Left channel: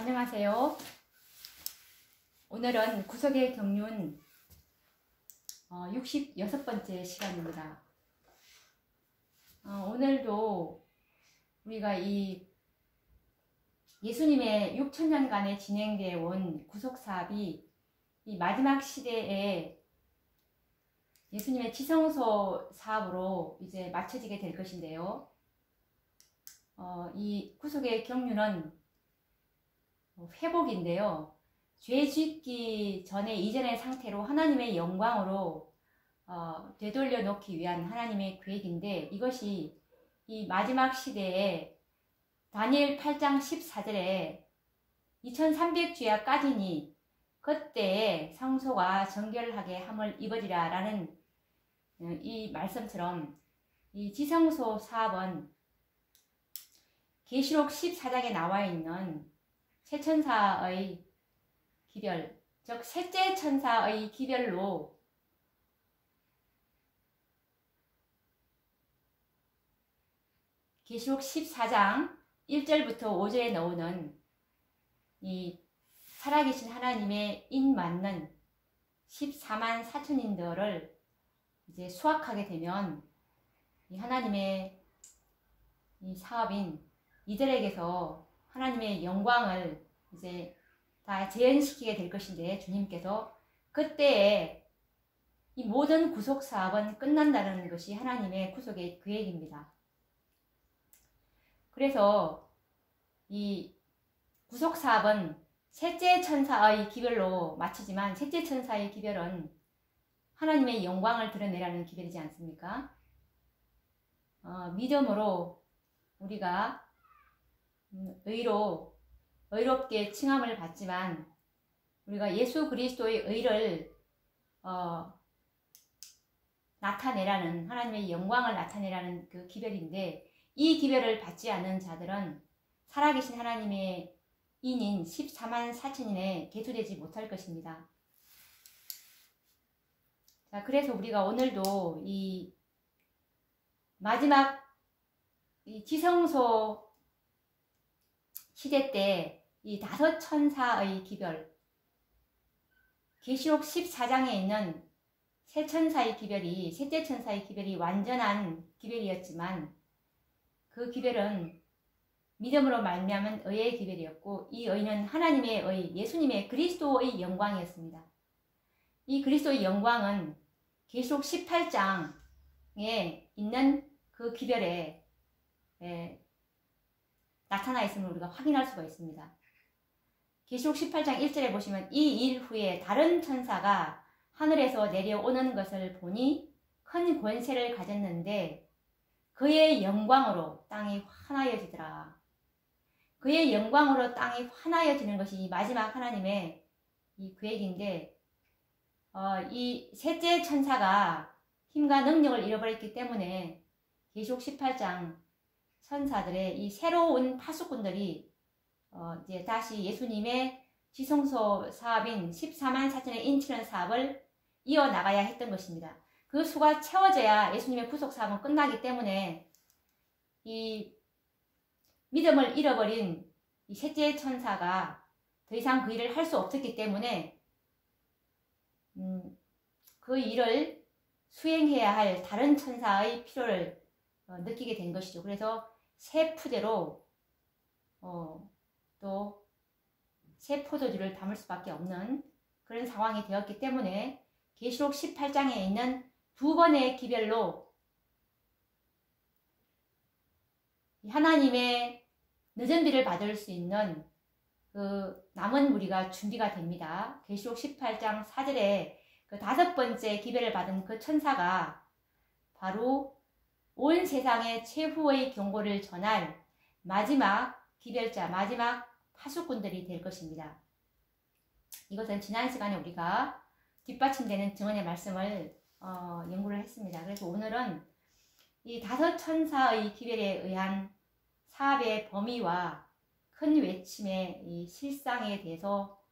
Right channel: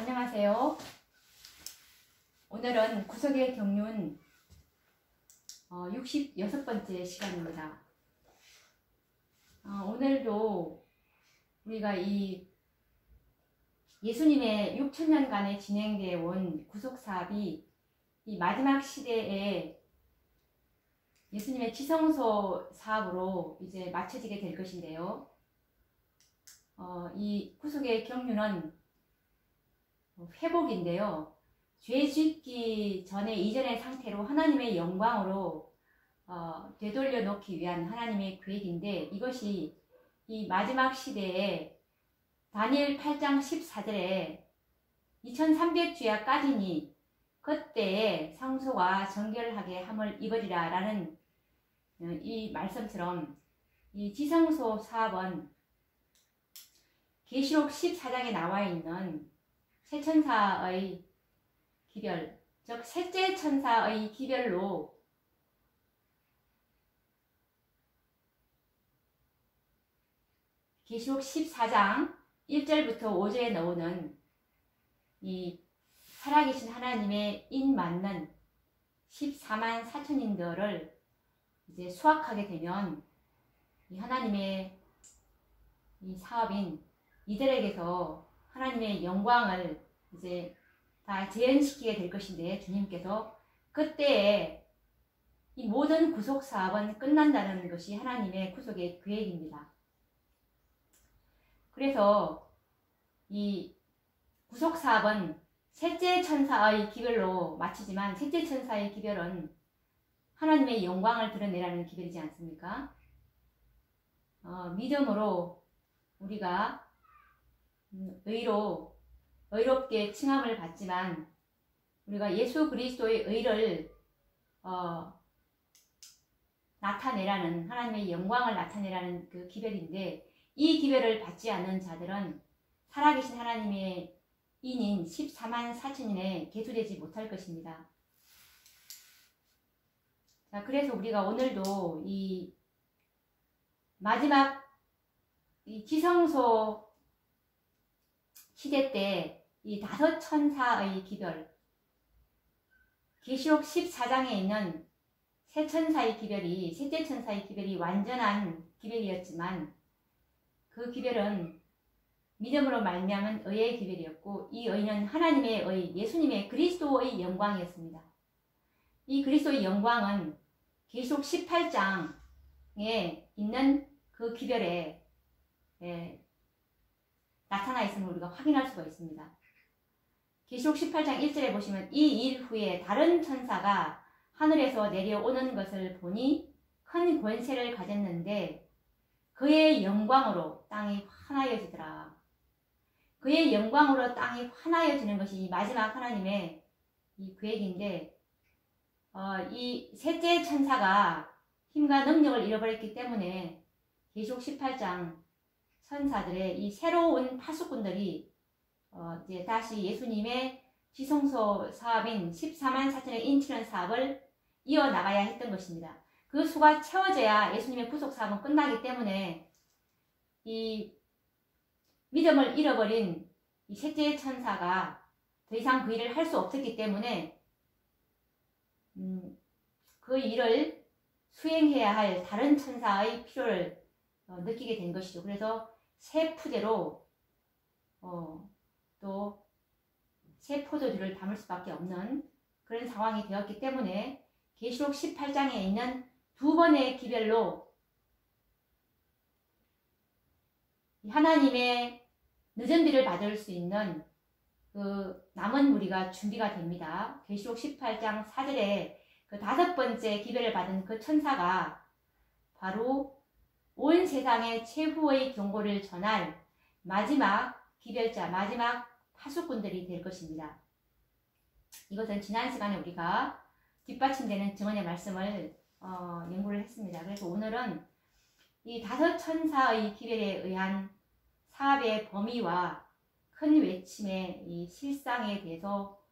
안녕하세요. 오늘은 구속의 경륜 66번째 시간입니다. 오늘도 우리가 이 예수님의 6천년간에 진행되어 온 구속사업이 이 마지막 시대에 예수님의 지성소 사업으로 이제 마쳐지게 될 것인데요. 이 구속의 경륜은 회복인데요. 죄 짓기 전에 이전의 상태로 하나님의 영광으로 되돌려 놓기 위한 하나님의 계획인데, 이것이 이 마지막 시대에 다니엘 8장 14절에 2300주야 까지니 그때에 성소가 정결하게 함을 입으리라 라는 이 말씀처럼 이 지성소 사업은 계시록 14장에 나와 있는 세천사의 기별, 즉 셋째 천사의 기별로 계시록 14장 1절부터 5절에 나오는 이 살아계신 하나님의 인 맞는 14만 4천인들을 이제 수확하게 되면 이 하나님의 이 사업인 이들에게서 하나님의 영광을 이제 다 재현시키게 될 것인데, 주님께서 그때에 이 모든 구속 사업은 끝난다는 것이 하나님의 구속의 계획입니다. 그래서 이 구속 사업은 셋째 천사의 기별로 마치지만, 셋째 천사의 기별은 하나님의 영광을 드러내라는 기별이지 않습니까? 믿음으로 우리가 의롭게 칭함을 받지만, 우리가 예수 그리스도의 의를 나타내라는, 하나님의 영광을 나타내라는 그 기별인데, 이 기별을 받지 않은 자들은 살아계신 하나님의 인인 14만 4천인에 계수되지 못할 것입니다. 자, 그래서 우리가 오늘도 이 마지막 이 지성소 시대 때 이 다섯 천사의 기별, 계시록 14장에 있는 세 천사의 기별이, 셋째 천사의 기별이 완전한 기별이었지만, 그 기별은 믿음으로 말미암은 의의 기별이었고, 이 의는 하나님의 의, 예수님의 그리스도의 영광이었습니다. 이 그리스도의 영광은 계시록 18장에 있는 그 기별에 나타나 있음을 우리가 확인할 수가 있습니다. 계시록 18장 1절에 보시면, 이 일 후에 다른 천사가 하늘에서 내려오는 것을 보니 큰 권세를 가졌는데 그의 영광으로 땅이 환하여지더라. 그의 영광으로 땅이 환하여지는 것이 마지막 하나님의 이 계획인데, 이 셋째 천사가 힘과 능력을 잃어버렸기 때문에 계시록 18장 천사들의 이 새로운 파수꾼들이 이제 다시 예수님의 지성소 사업인 14만 4천의 인치는 사업을 이어나가야 했던 것입니다. 그 수가 채워져야 예수님의 구속 사업은 끝나기 때문에, 이 믿음을 잃어버린 이 셋째 천사가 더 이상 그 일을 할 수 없었기 때문에 그 일을 수행해야 할 다른 천사의 필요를 느끼게 된 것이죠. 그래서 새 푸대로 또 새 포도주를 담을 수밖에 없는 그런 상황이 되었기 때문에, 계시록 18장에 있는 두 번의 기별로 하나님의 늦은 비를 받을 수 있는 그 남은 무리가 준비가 됩니다. 계시록 18장 4절에 그 다섯 번째 기별을 받은 그 천사가 바로 온 세상에 최후의 경고를 전할 마지막 기별자, 마지막 파수꾼들이 될 것입니다. 이것은 지난 시간에 우리가 뒷받침되는 증언의 말씀을 연구를 했습니다. 그래서 오늘은 이 다섯 천사의 기별에 의한 사업의 범위와 큰 외침의 이 실상에 대해서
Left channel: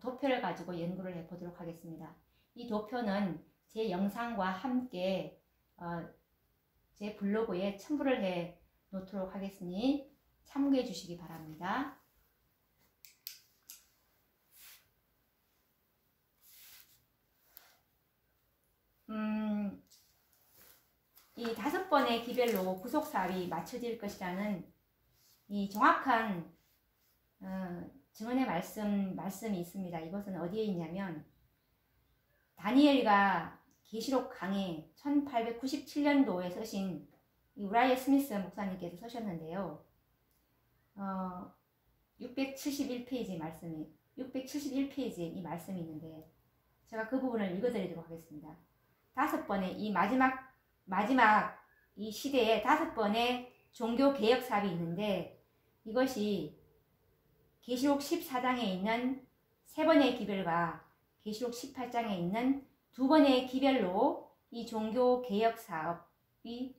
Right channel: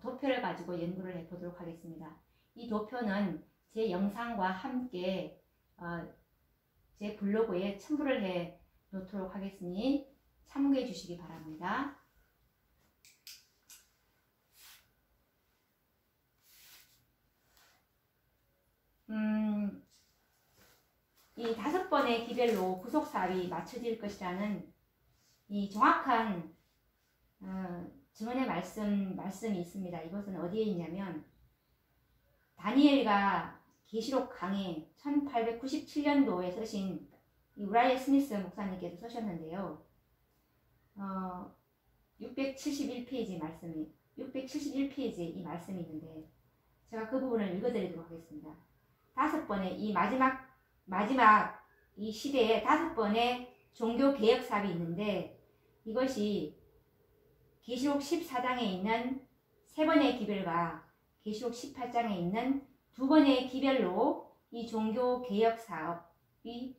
도표를 가지고 연구를 해보도록 하겠습니다. 이 도표는 제 영상과 함께 제 블로그에 첨부를 해 놓도록 하겠으니 참고해 주시기 바랍니다. 번의 기별로 구속 사업이 맞춰질 것이라는 이 정확한 증언의 말씀이 있습니다. 이것은 어디에 있냐면 다니엘가 계시록 강의 1897년도에 쓰신 우라이어 스미스 목사님께서 쓰셨는데요. 671페이지 말씀이 671페이지에 이 말씀이 있는데 제가 그 부분을 읽어드리도록 하겠습니다. 5번의 이 마지막 이 시대에 5번의 종교 개혁 사업이 있는데 이것이 계시록 14장에 있는 3번의 기별과 계시록 18장에 있는 2번의 기별로 이 종교 개혁 사업이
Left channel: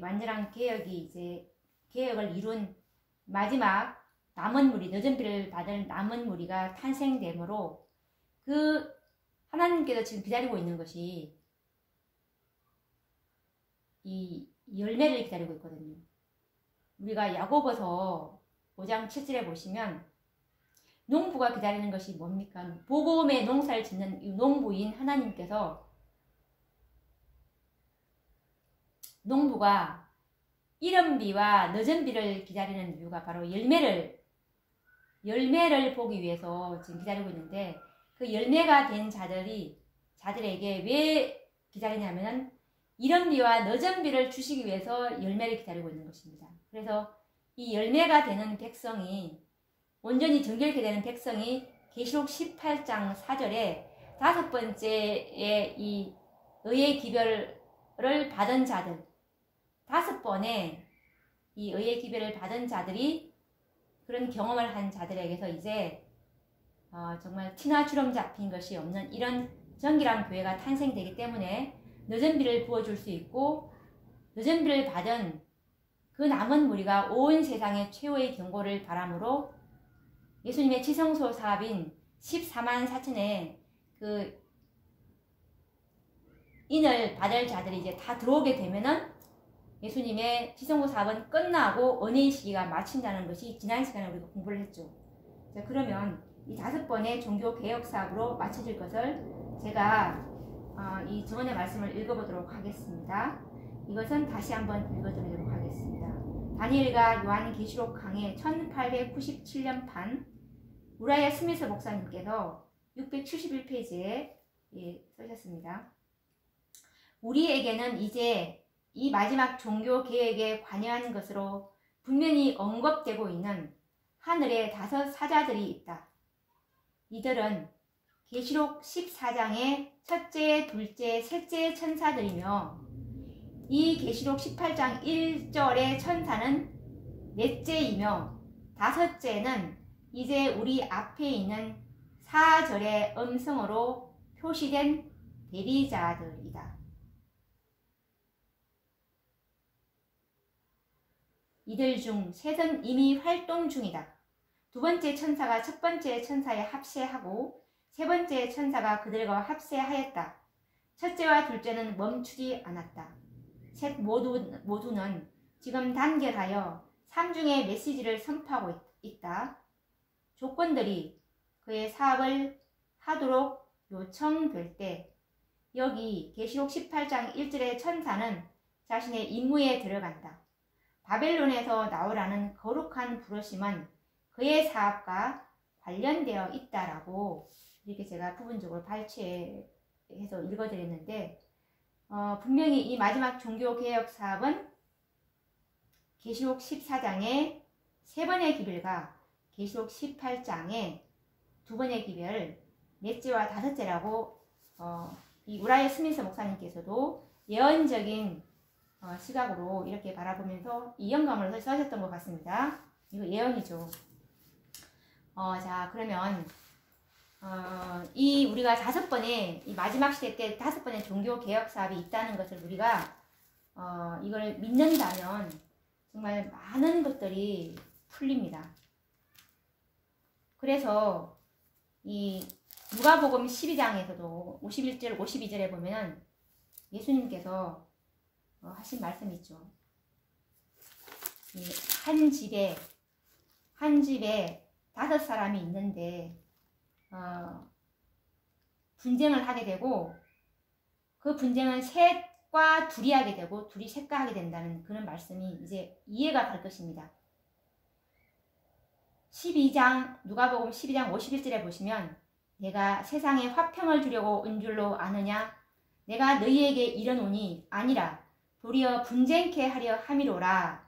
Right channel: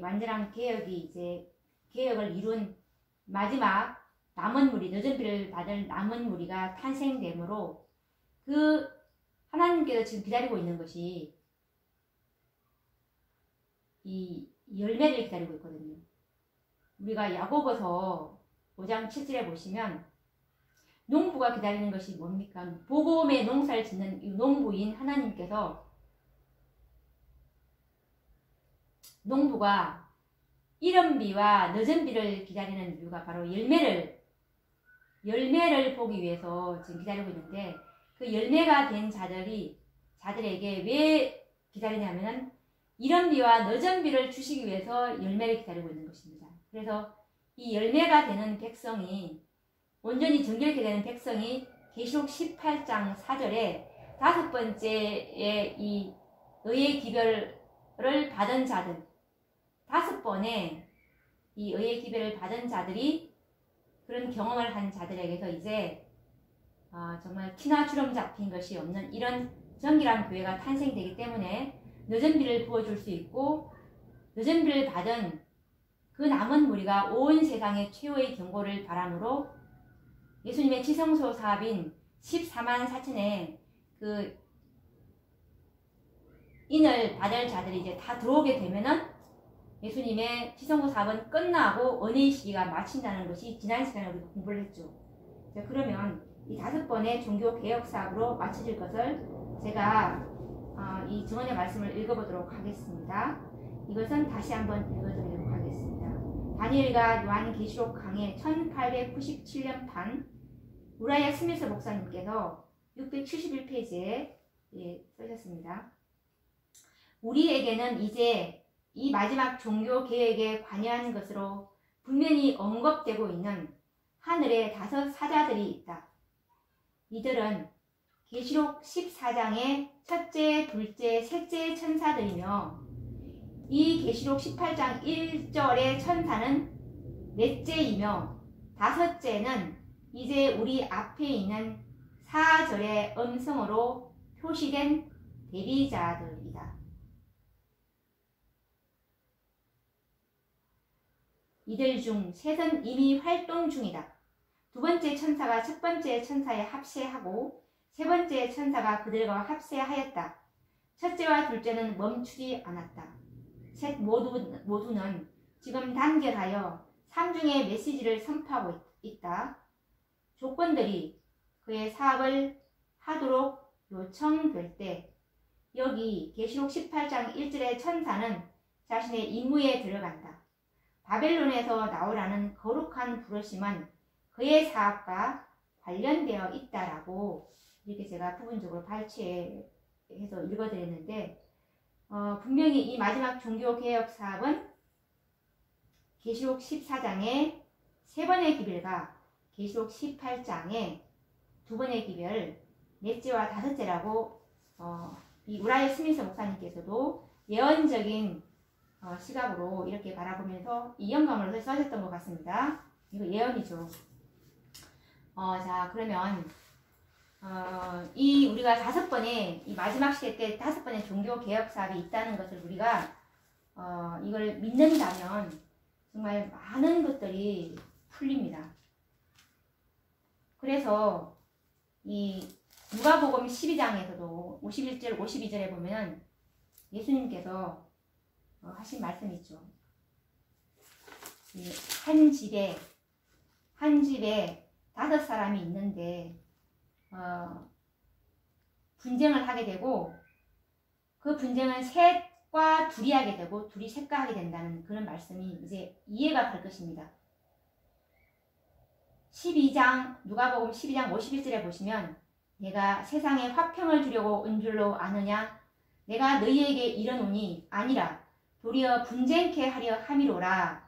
완전한 개혁을 이룬 마지막 남은 무리, 늦은 비를 받을 남은 무리가 탄생되므로 그 하나님께서 지금 기다리고 있는 것이 이 열매를 기다리고 있거든요. 우리가 야고보서 5장 7절에 보시면 농부가 기다리는 것이 뭡니까? 복음의 농사를 짓는 이 농부인 하나님께서 농부가 이른 비와 늦은 비를 기다리는 이유가 바로 열매를 보기 위해서 지금 기다리고 있는데 그 열매가 된 자들에게 왜 기다리냐면은 이른 비와 늦은 비를 주시기 위해서 열매를 기다리고 있는 것입니다. 그래서 이 열매가 되는 백성이 온전히 정결케 되는 백성이 계시록 18장 4절에 5번째의 이 의의 기별을 받은 자들 5번의 이 의의 기별을 받은 자들이 그런 경험을 한 자들에게서 이제 정말 티나 주름 잡힌 것이 없는 이런 정결한 교회가 탄생되기 때문에 늦은 비를 부어줄 수 있고 늦은 비를 받은 그 남은 무리가 온 세상의 최후의 경고를 바람으로 예수님의 지성소 사업인 14만 4천의 그 인을 받을 자들이 이제 다 들어오게 되면은 예수님의 지성소 사업은 끝나고 은혜의 시기가 마친다는 것이 지난 시간에 우리가 공부를 했죠. 자, 그러면 이 5번의 종교 개혁 사업으로 마쳐질 것을 제가 이 증언의 말씀을 읽어보도록 하겠습니다. 이것은 다시 한번 읽어드리도록 하겠습니다. 다니엘과 요한계시록 강의 1897년판 우라이어 스미스 목사님께서 671페이지에 쓰셨습니다. 우리에게는 이제 이 마지막 종교 개혁에 관여하는 것으로 분명히 언급되고 있는 하늘의 5 사자들이 있다. 이들은 계시록 14장의 첫째, 둘째, 셋째 천사들이며 이 계시록 18장 1절의 천사는 넷째이며 5째는 이제 우리 앞에 있는 4절의 음성으로 표시된 대리자들이다. 이들 중 셋은 이미 활동 중이다. 2번째 천사가 첫 번째 천사에 합세하고 세 번째 천사가 그들과 합세하였다. 첫째와 둘째는 멈추지 않았다. 셋 모두는 지금 단결하여 3중의 메시지를 선포하고 있다. 조건들이 그의 사업을 하도록 요청될 때 여기 계시록 18장 1절의 천사는 자신의 임무에 들어간다. 바벨론에서 나오라는 거룩한 부르심은 그의 사업과 관련되어 있다라고 이렇게 제가 부분적으로 발췌해서 읽어드렸는데 분명히 이 마지막 종교개혁 사업은 계시록 14장의 3번의 기별과 계시록 18장의 2번의 기별, 넷째와 5째라고 이 우라이어 스미스 목사님께서도 예언적인 시각으로 이렇게 바라보면서 이 영감을 써셨던 것 같습니다. 이거 예언이죠. 자, 그러면 이 우리가 5번의 이 마지막 시대 때 5번의 종교 개혁 사업이 있다는 것을 우리가 이걸 믿는다면 정말 많은 것들이 풀립니다. 그래서 이 누가복음 12장에서도 51절 52절에 보면 예수님께서 하신 말씀이 있죠. 한 집에 5사람이 있는데 분쟁을 하게 되고 그 분쟁은 셋 셋과 둘이 하게 되고 둘이 셋과 하게 된다는 그런 말씀이 이제 이해가 갈 것입니다. 12장 누가복음 12장 51절에 보시면 내가 세상에 화평을 주려고 온 줄로 아느냐 내가 너희에게 이르노니 아니라 도리어 분쟁케 하려 함이로라.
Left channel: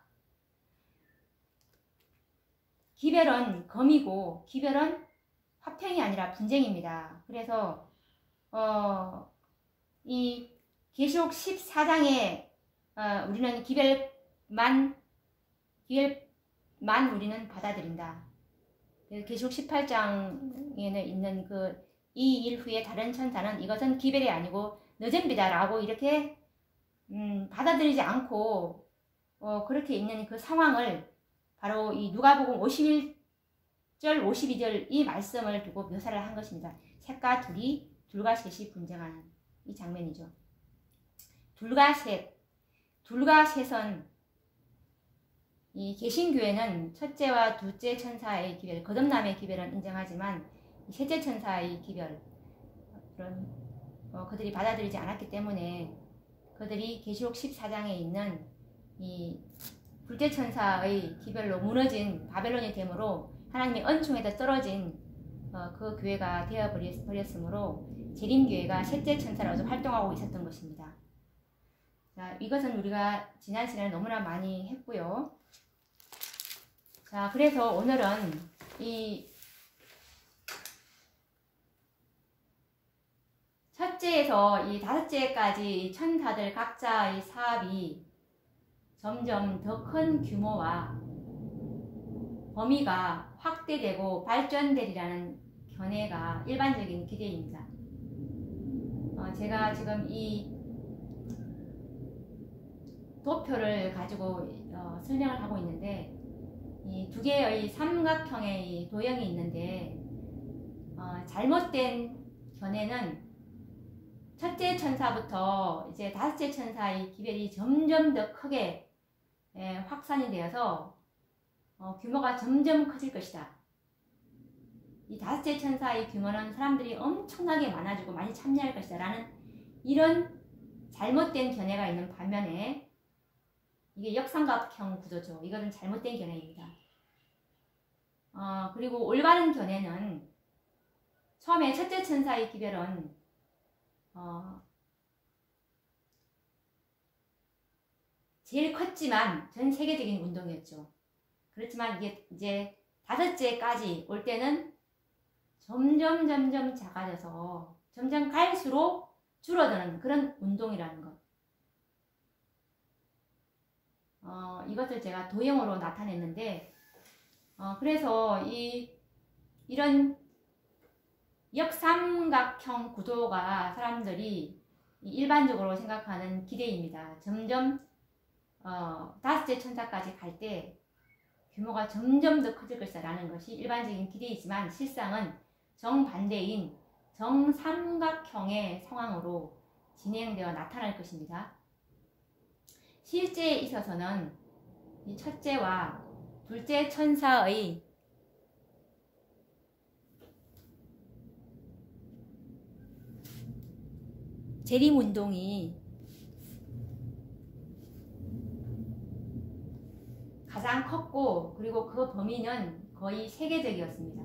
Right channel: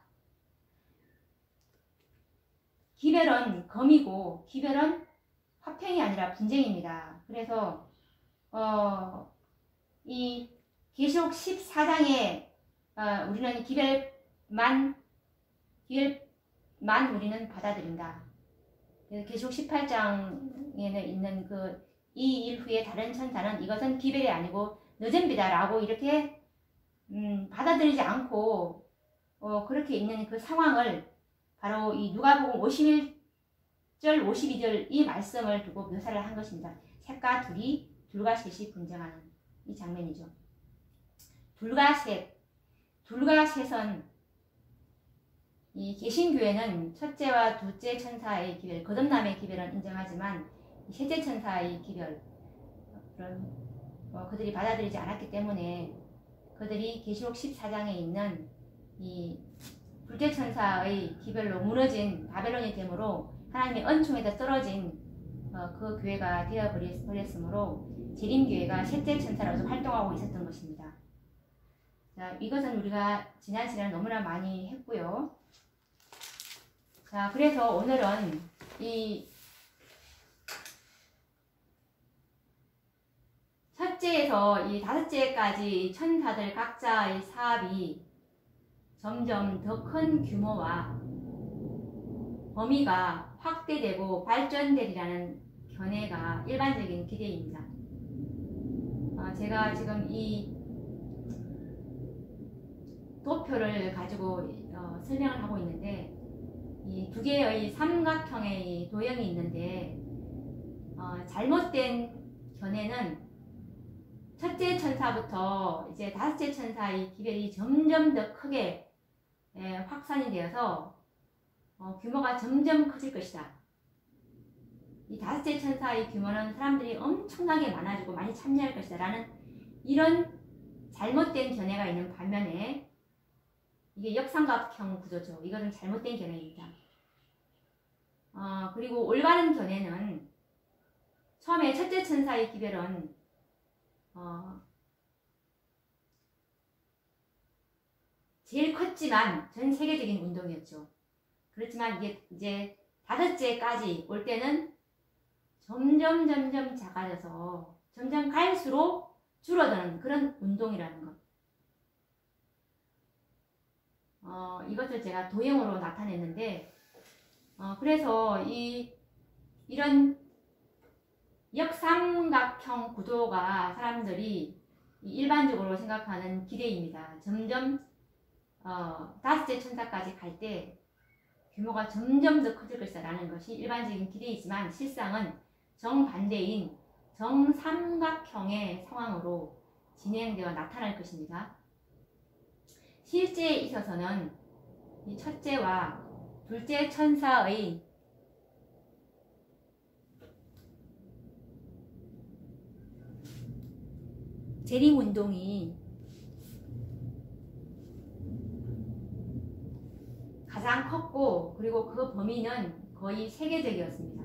기별은 검이고 기별은 화평이 아니라 분쟁입니다. 그래서 이 계시록 14장에 우리는 기별만 우리는 받아들인다. 계시록 18장에는 있는 그 이 일 후에 다른 천사는 이것은 기별이 아니고 너잼비다 라고 이렇게 받아들이지 않고 그렇게 있는 그 상황을 바로 이 누가복음 51절 52절 이 말씀을 두고 묘사를 한 것입니다. 셋과 둘이 둘과 셋이 분쟁하는 이 장면이죠. 둘과 셋은 이 개신교회는 첫째와 둘째 천사의 기별, 거듭남의 기별은 인정하지만 셋째 천사의 기별 그런 그들이 받아들이지 않았기 때문에 그들이 계시록 14장에 있는 이 둘째 천사의 기별로 무너진 바벨론이 되므로 하나님의 은총에서 떨어진 그 교회가 되어버렸으므로 재림교회가 셋째 천사로서 활동하고 있었던 것입니다. 자, 이것은 우리가 지난 시간에 너무나 많이 했고요. 자, 그래서 오늘은 이 첫째에서 이 다섯째까지 천사들 각자의 사업이 점점 더 큰 규모와 범위가 확대되고 발전되리라는 견해가 일반적인 기대입니다. 제가 지금 이 도표를 가지고 설명을 하고 있는데 이 두 개의 삼각형의 도형이 있는데 잘못된 견해는 첫째 천사부터 이제 다섯째 천사의 기별이 점점 더 크게 확산이 되어서 규모가 점점 커질 것이다. 이 다섯째 천사의 규모는 사람들이 엄청나게 많아지고 많이 참여할 것이다 라는 이런 잘못된 견해가 있는 반면에 이게 역삼각형 구조죠. 이거는 잘못된 견해입니다. 그리고 올바른 견해는 처음에 첫째 천사의 기별은 제일 컸지만 전 세계적인 운동이었죠. 그렇지만 이게 이제 다섯째까지 올 때는 점점 작아져서 점점 갈수록 줄어드는 그런 운동이라는 것. 이것을 제가 도형으로 나타냈는데 그래서 이런 역삼각형 구도가 사람들이 일반적으로 생각하는 기대입니다. 점점 다섯째 천사까지 갈 때 규모가 점점 더 커질 것이라는 것이 일반적인 기대이지만 실상은 정반대인 정삼각형의 상황으로 진행되어 나타날 것입니다. 실제에 있어서는 이 첫째와 둘째 천사의 재림운동이 가장 컸고 그리고 그 범위는 거의 세계적이었습니다.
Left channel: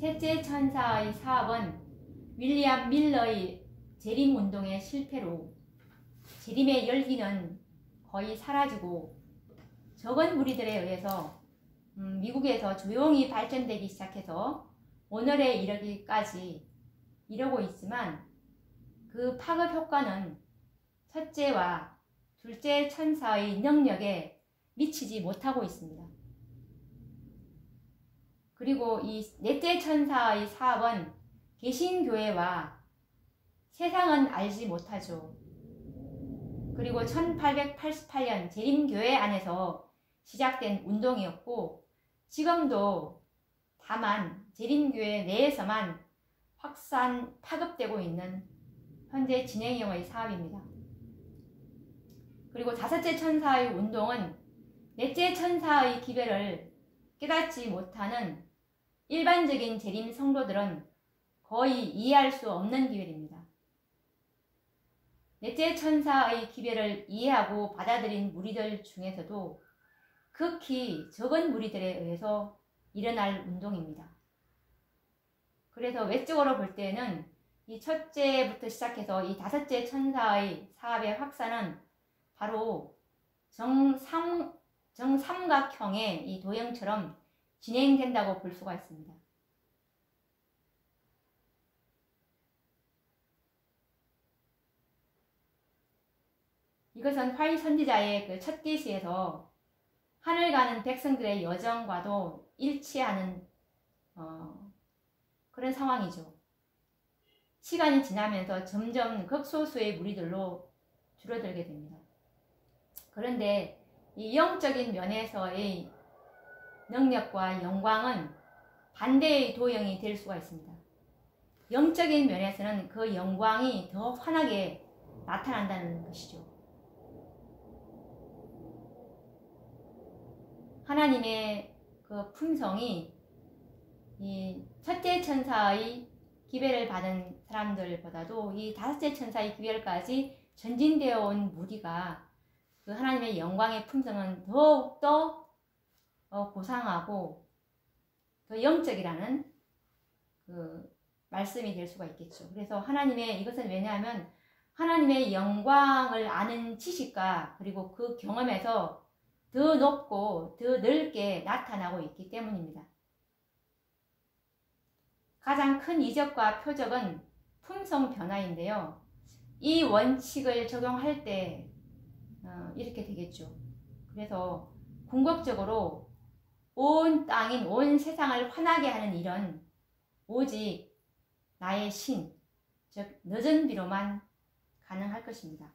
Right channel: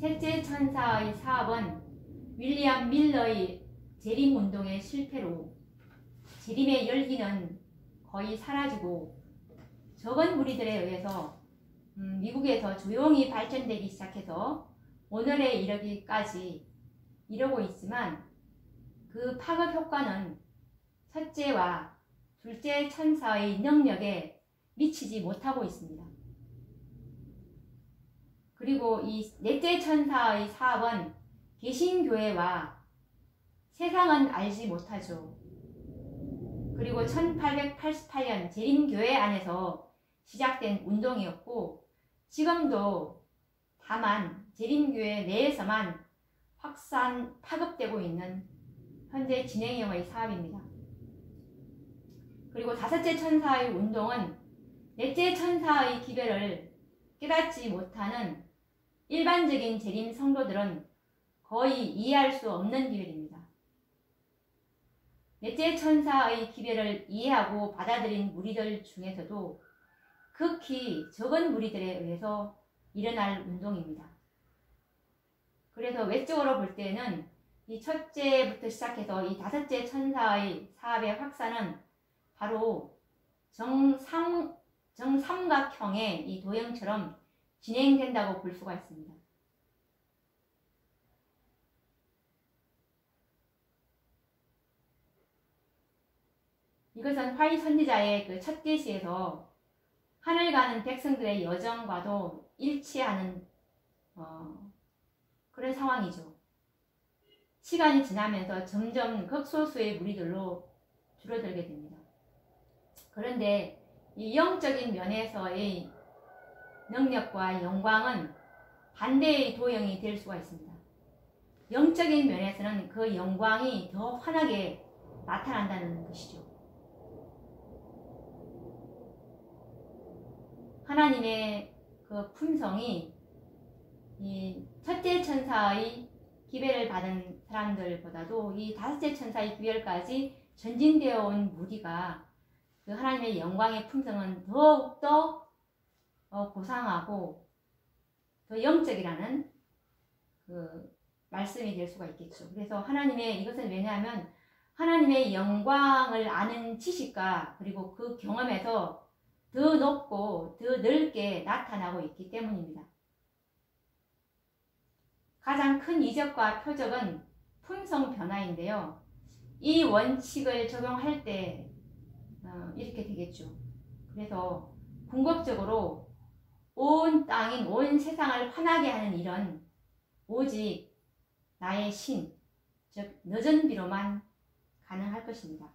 셋째 천사의 사업은 윌리엄 밀러의 재림운동의 실패로 재림의 열기는 거의 사라지고 적은 무리들에 의해서 미국에서 조용히 발전되기 시작해서 오늘에 이르기까지 이러고 있지만 그 파급 효과는 첫째와 둘째 천사의 능력에 미치지 못하고 있습니다. 그리고 이 넷째 천사의 사업은 개신교회와 세상은 알지 못하죠. 그리고 1888년 재림교회 안에서 시작된 운동이었고 지금도 다만 재림교회 내에서만 파급되고 있는 현재 진행형의 사업입니다. 그리고 다섯째 천사의 운동은 넷째 천사의 기별을 깨닫지 못하는 일반적인 재림 성도들은 거의 이해할 수 없는 기별입니다. 넷째 천사의 기별을 이해하고 받아들인 무리들 중에서도 극히 적은 무리들에 의해서 일어날 운동입니다. 그래서 외적으로 볼 때는 이 첫째부터 시작해서 이 다섯째 천사의 사업의 확산은 바로 정삼각형의 이 도형처럼 진행된다고 볼 수가 있습니다. 이것은 화이 선지자의 그 첫 계시에서 하늘 가는 백성들의 여정과도 일치하는 그런 상황이죠. 시간이 지나면서 점점 극소수의 무리들로 줄어들게 됩니다. 그런데 이 영적인 면에서의 능력과 영광은 반대의 도형이 될 수가 있습니다. 영적인 면에서는 그 영광이 더 환하게 나타난다는 것이죠. 하나님의 그 품성이 이 첫째 천사의 기별을 받은 사람들보다도 이 다섯째 천사의 기별까지 전진되어 온 무리가 그 하나님의 영광의 품성은 더욱더 고상하고 더 영적이라는 그 말씀이 될 수가 있겠죠. 그래서 하나님의 이것은 왜냐하면 하나님의 영광을 아는 지식과 그리고 그 경험에서 더 높고 더 넓게 나타나고 있기 때문입니다. 가장 큰 이적과 표적은 품성 변화인데요. 이 원칙을 적용할 때 이렇게 되겠죠. 그래서 궁극적으로 온 땅인 온 세상을 환하게 하는 일은 오직 나의 신, 즉 늦은 비로만 가능할 것입니다.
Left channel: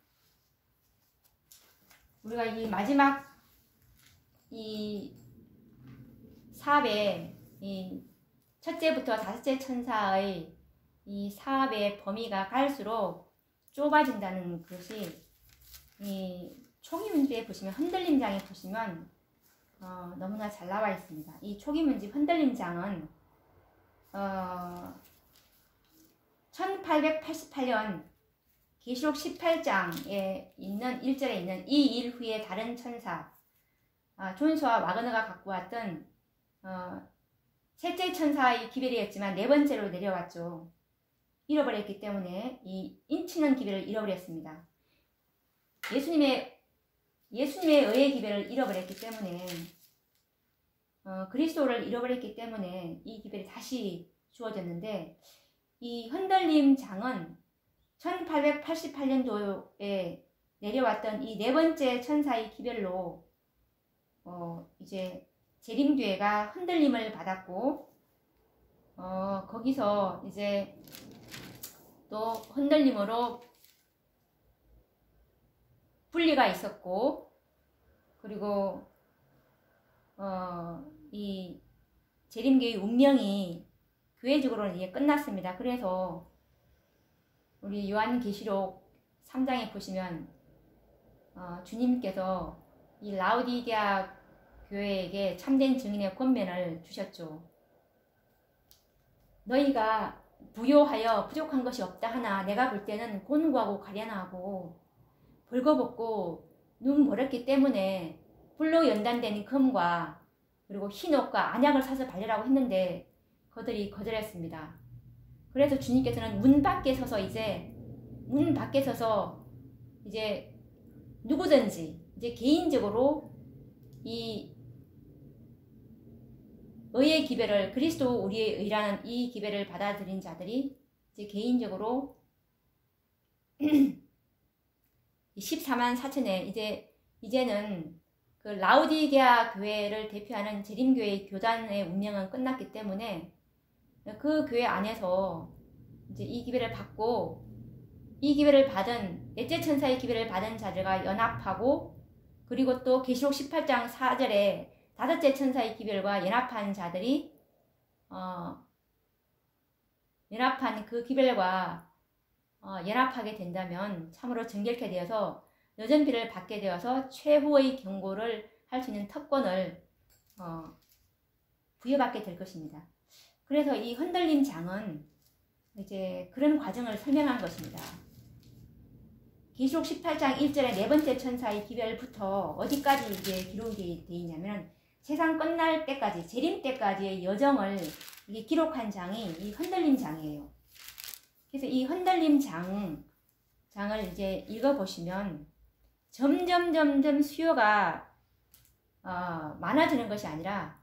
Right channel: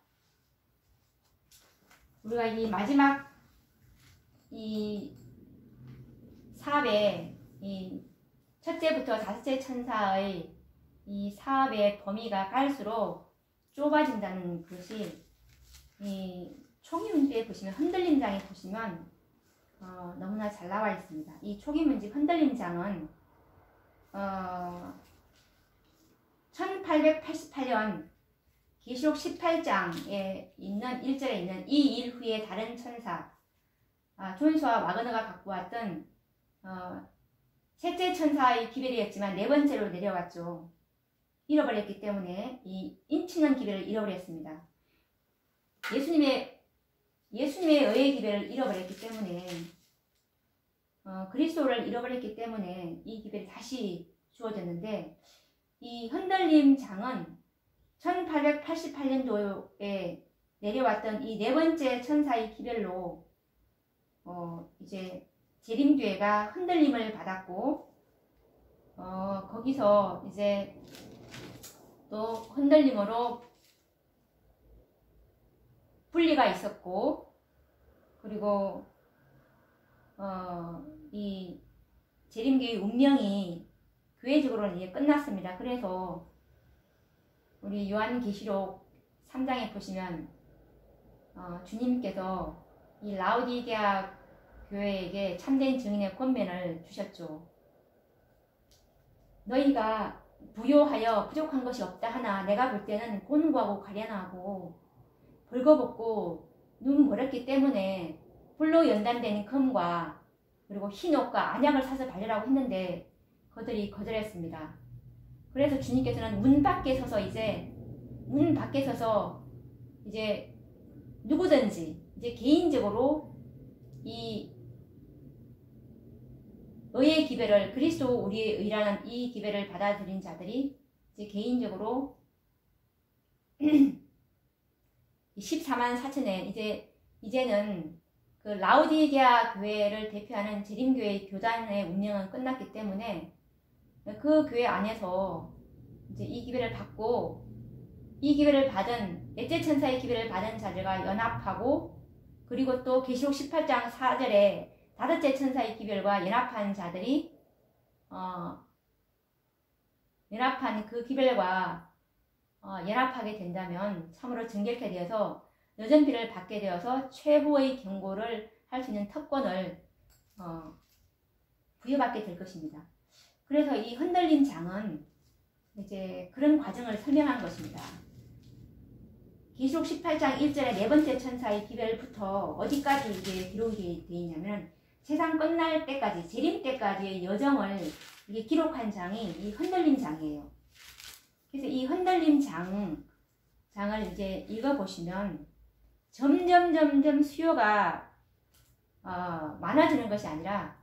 우리가 이 마지막 이 사업의 이 첫째부터 다섯째 천사의 이 사업의 범위가 갈수록 좁아진다는 것이 이 초기 문제에 보시면 흔들림장에 보시면 너무나 잘 나와 있습니다. 이 초기 문제 흔들림장은 1888년 계시록 18장에 있는 1절에 있는 이 일 후에 다른 천사 존스와 와그너가 갖고 왔던 셋째 천사의 기별이었지만 네 번째로 내려왔죠. 잃어버렸기 때문에 이 인치는 기별을 잃어버렸습니다. 예수님의 의의 기별을 잃어버렸기 때문에 그리스도를 잃어버렸기 때문에 이 기별이 다시 주어졌는데 이 흔들림 장은 1888년도에 내려왔던 이 네 번째 천사의 기별로 이제 재림교회가 흔들림을 받았고 거기서 이제 또 흔들림으로 분리가 있었고 그리고 이 재림교회 운명이 교회적으로는 이제 끝났습니다. 그래서 우리 요한계시록 3장에 보시면 주님께서 이 라오디게아 교회에게 참된 증인의 권면을 주셨죠. 너희가 부요하여 부족한 것이 없다 하나 내가 볼 때는 곤고하고 가련하고 벌거벗고 눈 버렸기 때문에 불로 연단된 금과 그리고 흰옷과 안약을 사서 발려라고 했는데 그들이 거절했습니다. 그래서 주님께서는 문 밖에 서서 이제 누구든지 이제 개인적으로 이 의의 기별을 그리스도 우리의 의라는 이 기별을 받아들인 자들이 이제 개인적으로 14만 4천에 이제는 그 라오디게아 교회를 대표하는 재림교회 교단의 운명은 끝났기 때문에 그 교회 안에서 이제 이 기별을 받고 이 기별을 받은 넷째 천사의 기별을 받은 자들과 연합하고 그리고 또 계시록 18장 4절에 다섯째 천사의 기별과 연합한 자들이 연합한 그 기별과 연합하게 된다면 참으로 정결케 되어서 늦은 비를 받게 되어서 최후의 경고를 할 수 있는 특권을 부여받게 될 것입니다. 그래서 이 흔들림 장은 이제 그런 과정을 설명한 것입니다. 계시록 18장 1절의 네 번째 천사의 기별부터 어디까지 이제 기록이 되어 있냐면 세상 끝날 때까지, 재림 때까지의 여정을 이게 기록한 장이 이 흔들림 장이에요. 그래서 이 흔들림 장을 이제 읽어보시면 점점 수요가 많아지는 것이 아니라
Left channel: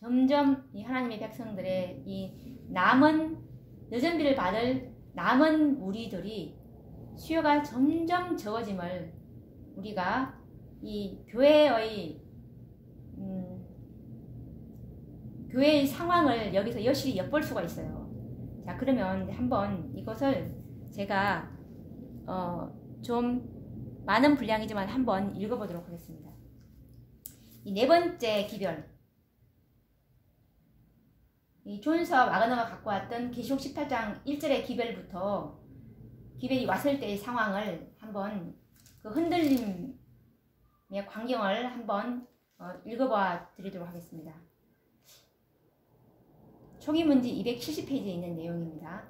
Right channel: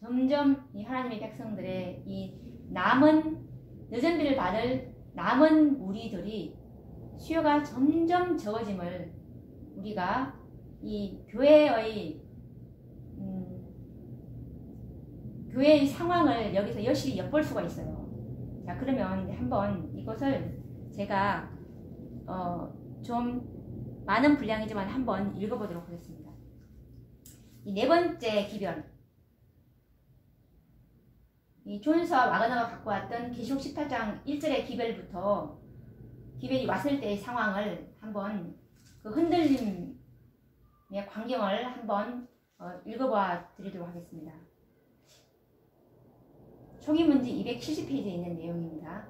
점점 이 하나님의 백성들의 이 늦은 비를 받을 남은 무리들이 수요가 점점 적어짐을 우리가 이 교회의 상황을 여기서 여실히 엿볼 수가 있어요. 자, 그러면 한번 이것을 제가 좀 많은 분량이지만 한번 읽어보도록 하겠습니다. 이 네 번째 기별, 이 존스와 와그너가 갖고 왔던 계시록 18장 1절의 기별부터 기별이 왔을 때의 상황을 한번 그 흔들림의 광경을 한번 읽어봐 드리도록 하겠습니다. 총이문지 270페이지에 있는 내용입니다.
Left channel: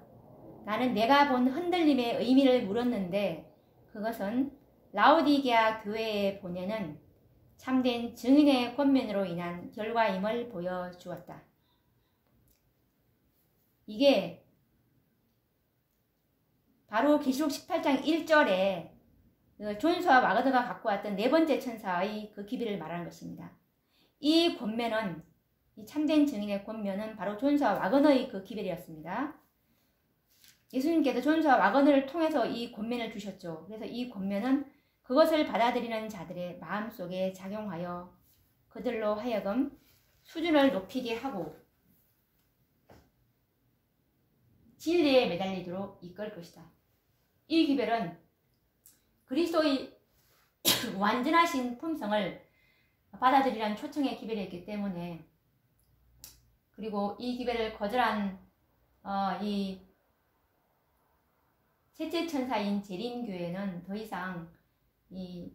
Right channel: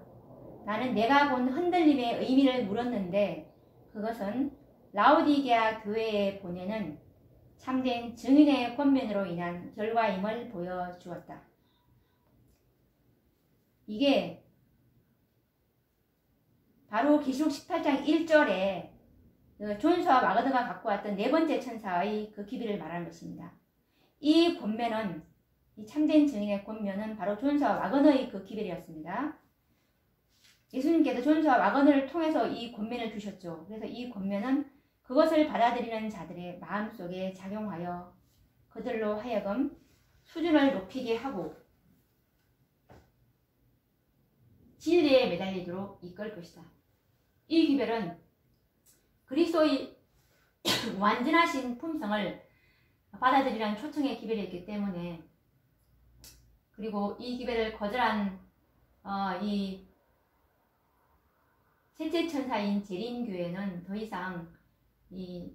나는 내가 본 흔들림의 의미를 물었는데 그것은 라오디게아 교회에 보내는 참된 증인의 권면으로 인한 결과임을 보여주었다. 이게 바로 계시록 18장 1절에 존스와 와그너가 갖고 왔던 네 번째 천사의 그 기별을 말하는 것입니다. 이 권면은, 이 참된 증인의 권면은 바로 존스와 와그너의 그 기별이었습니다. 예수님께서 존스와 와그너를 통해서 이 권면을 주셨죠. 그래서 이 권면은 그것을 받아들이는 자들의 마음속에 작용하여 그들로 하여금 수준을 높이게 하고 진리에 매달리도록 이끌 것이다. 이 기별은 그리스도의 완전하신 품성을 받아들이라는 초청의 기별이었기 때문에, 그리고 이 기별을 거절한 이 셋째 천사인 재림교회는 더 이상 이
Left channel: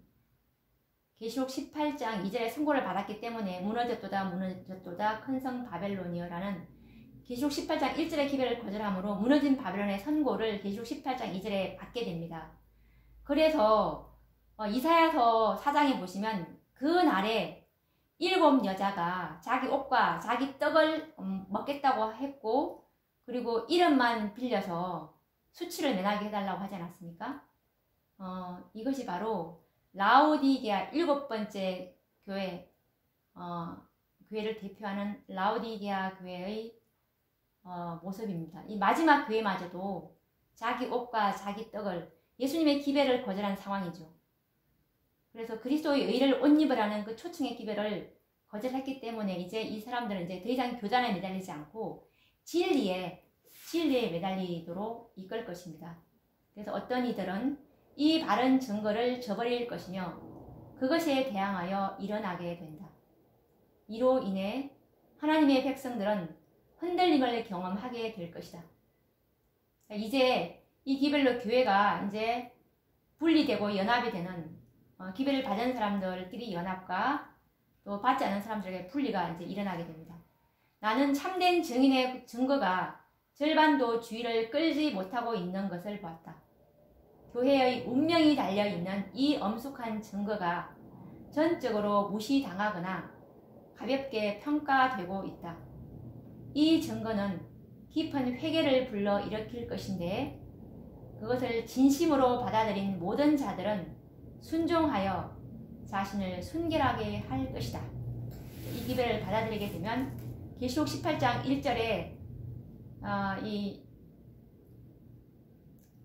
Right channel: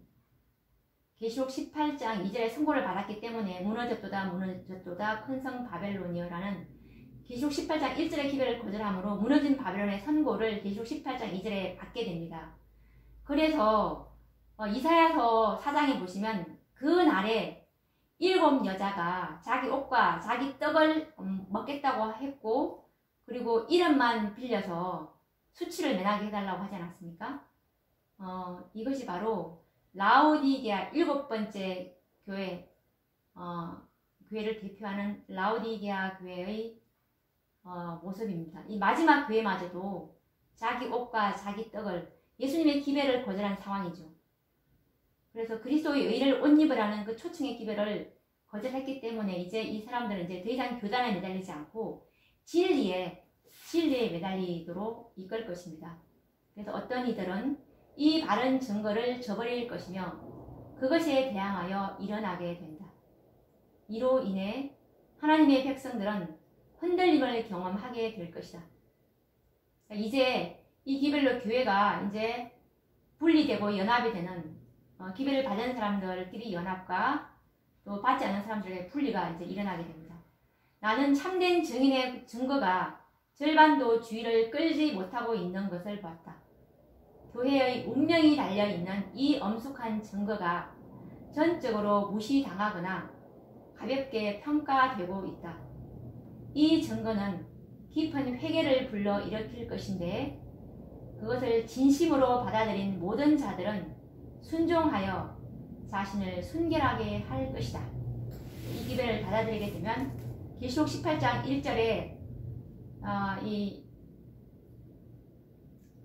계시록 18장 2절의 선고를 받았기 때문에 무너졌도다 큰 성 바벨론이여라는 계시록 18장 1절의 기별을 거절함으로 무너진 바벨론의 선고를 계시록 18장 2절에 받게 됩니다. 그래서 이사야서 4장에 보시면 그 날에 7 여자가 자기 옷과 자기 떡을 먹겠다고 했고, 그리고 이름만 빌려서 수치를 면하게 해달라고 하지 않았습니까? 이것이 바로 라오디게아 7번째 교회, 교회를 대표하는 라오디게아 교회의 모습입니다. 이 마지막 교회마저도 자기 옷과 자기 떡을, 예수님의 기별을 거절한 상황이죠. 그래서 그리스도의 의를 옷 입으라는 그 초청의 기별을 거절했기 때문에 이제 이 사람들은 이제 더 이상 교단에 매달리지 않고 진리에 매달리도록 이끌 것입니다. 그래서 어떤 이들은 이 바른 증거를 저버릴 것이며 그것에 대항하여 일어나게 된다. 이로 인해 하나님의 백성들은 흔들림을 경험하게 될 것이다. 이제 이 기별로 교회가 이제 분리되고 연합이 되는, 기별을 받은 사람들끼리 연합과 또 받지 않은 사람들의 분리가 이제 일어나게 됩니다. 나는 참된 증인의 증거가 절반도 주의를 끌지 못하고 있는 것을 보았다. 교회의 운명이 달려있는 이 엄숙한 증거가 전적으로 무시당하거나 가볍게 평가되고 있다. 이 증거는 깊은 회개를 불러 일으킬 것인데 그것을 진심으로 받아들인 모든 자들은 순종하여 자신을 순결하게 할 것이다. 이 기별을 받아들이게 되면 계시록 18장 1절에 이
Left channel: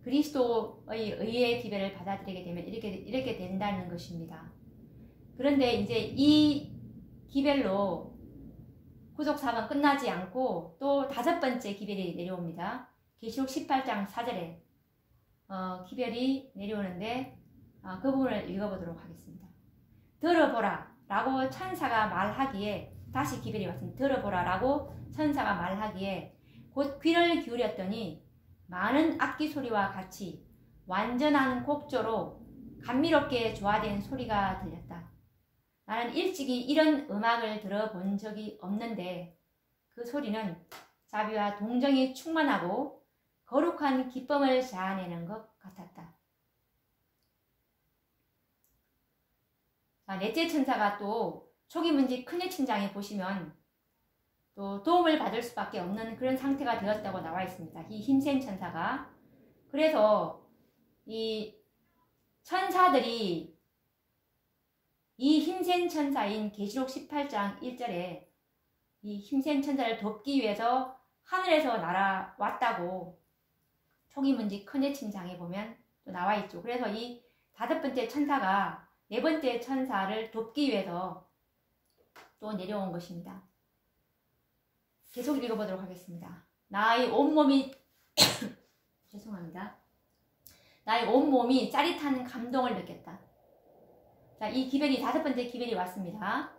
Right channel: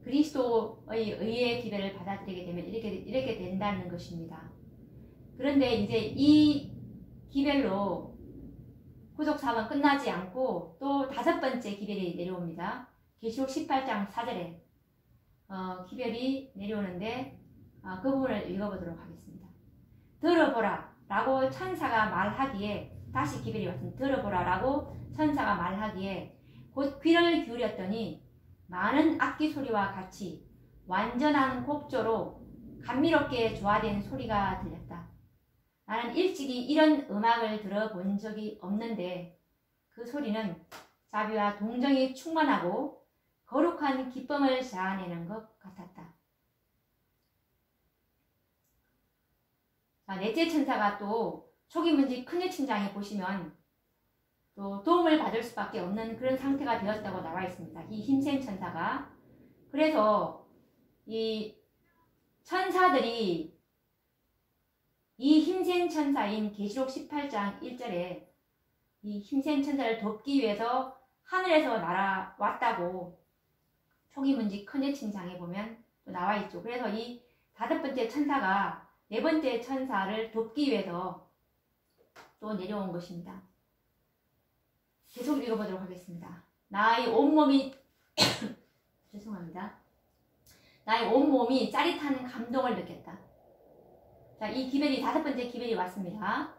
그리스도의 의의 기별을 받아들이게 되면 이렇게 된다는 것입니다. 그런데 이제 이 기별로 구속 사업은 끝나지 않고 또 5번째 기별이 내려옵니다. 계시록 18장 4절에 기별이 내려오는데 그 부분을 읽어보도록 하겠습니다. 들어보라 라고 천사가 말하기에, 다시 기별이 왔습니다. 들어보라 라고 천사가 말하기에 곧 귀를 기울였더니 많은 악기 소리와 같이 완전한 곡조로 감미롭게 조화된 소리가 들렸다. 나는 일찍이 이런 음악을 들어본 적이 없는데 그 소리는 자비와 동정이 충만하고 거룩한 기쁨을 자아내는 것 같았다. 자, 넷째 천사가 또 초기 문지 큰의 천장에 보시면 또 도움을 받을 수밖에 없는 그런 상태가 되었다고 나와 있습니다. 이 힘센 천사가. 그래서 이 천사들이 이 힘센 천사인 계시록 18장 1절에 이 힘센 천사를 돕기 위해서 하늘에서 날아왔다고 초기 문지 큰의 천장에 보면 또 나와 있죠. 그래서 이 다섯 번째 천사가 네 번째 천사를 돕기 위해서 또 내려온 것입니다. 계속 읽어보도록 하겠습니다. 나의 온몸이 죄송합니다. 나의 온몸이 짜릿한 감동을 느꼈다. 자, 이 기별이 다섯 번째 기별이 왔습니다.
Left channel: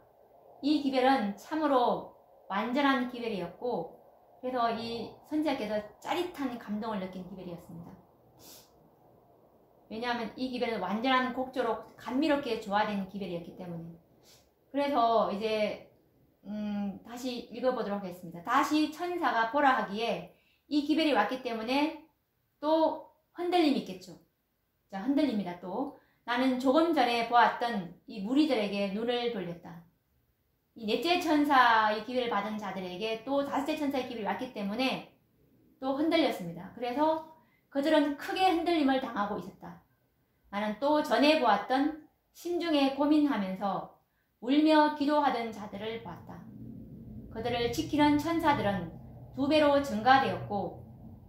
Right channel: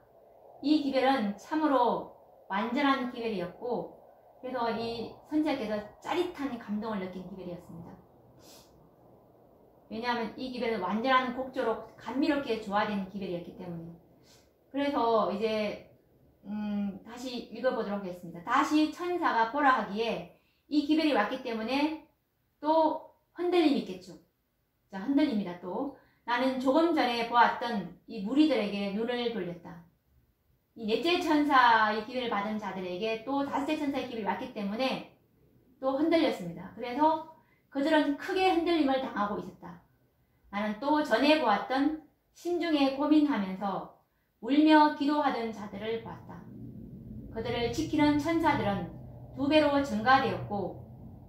이 기별은 참으로 완전한 기별이었고, 그래서 이 선지자께서 짜릿한 감동을 느낀 기별이었습니다. 왜냐하면 이 기별은 완전한 곡조로 감미롭게 조화된 기별이었기 때문에. 그래서 이제 다시 읽어보도록 하겠습니다. 다시 천사가 보라 하기에 이 기별이 왔기 때문에 또 흔들림이 있겠죠. 자, 흔들립니다. 또 나는 조금 전에 보았던 이 무리들에게 눈을 돌렸다. 이 넷째 천사의 기별을 받은 자들에게 또 다섯째 천사의 기별이 왔기 때문에 또 흔들렸습니다. 그래서 그들은 크게 흔들림을 당하고 있었다. 나는 또 전에 보았던 심중에 고민하면서 울며 기도하던 자들을 보았다. 그들을 지키는 천사들은 2배로 증가되었고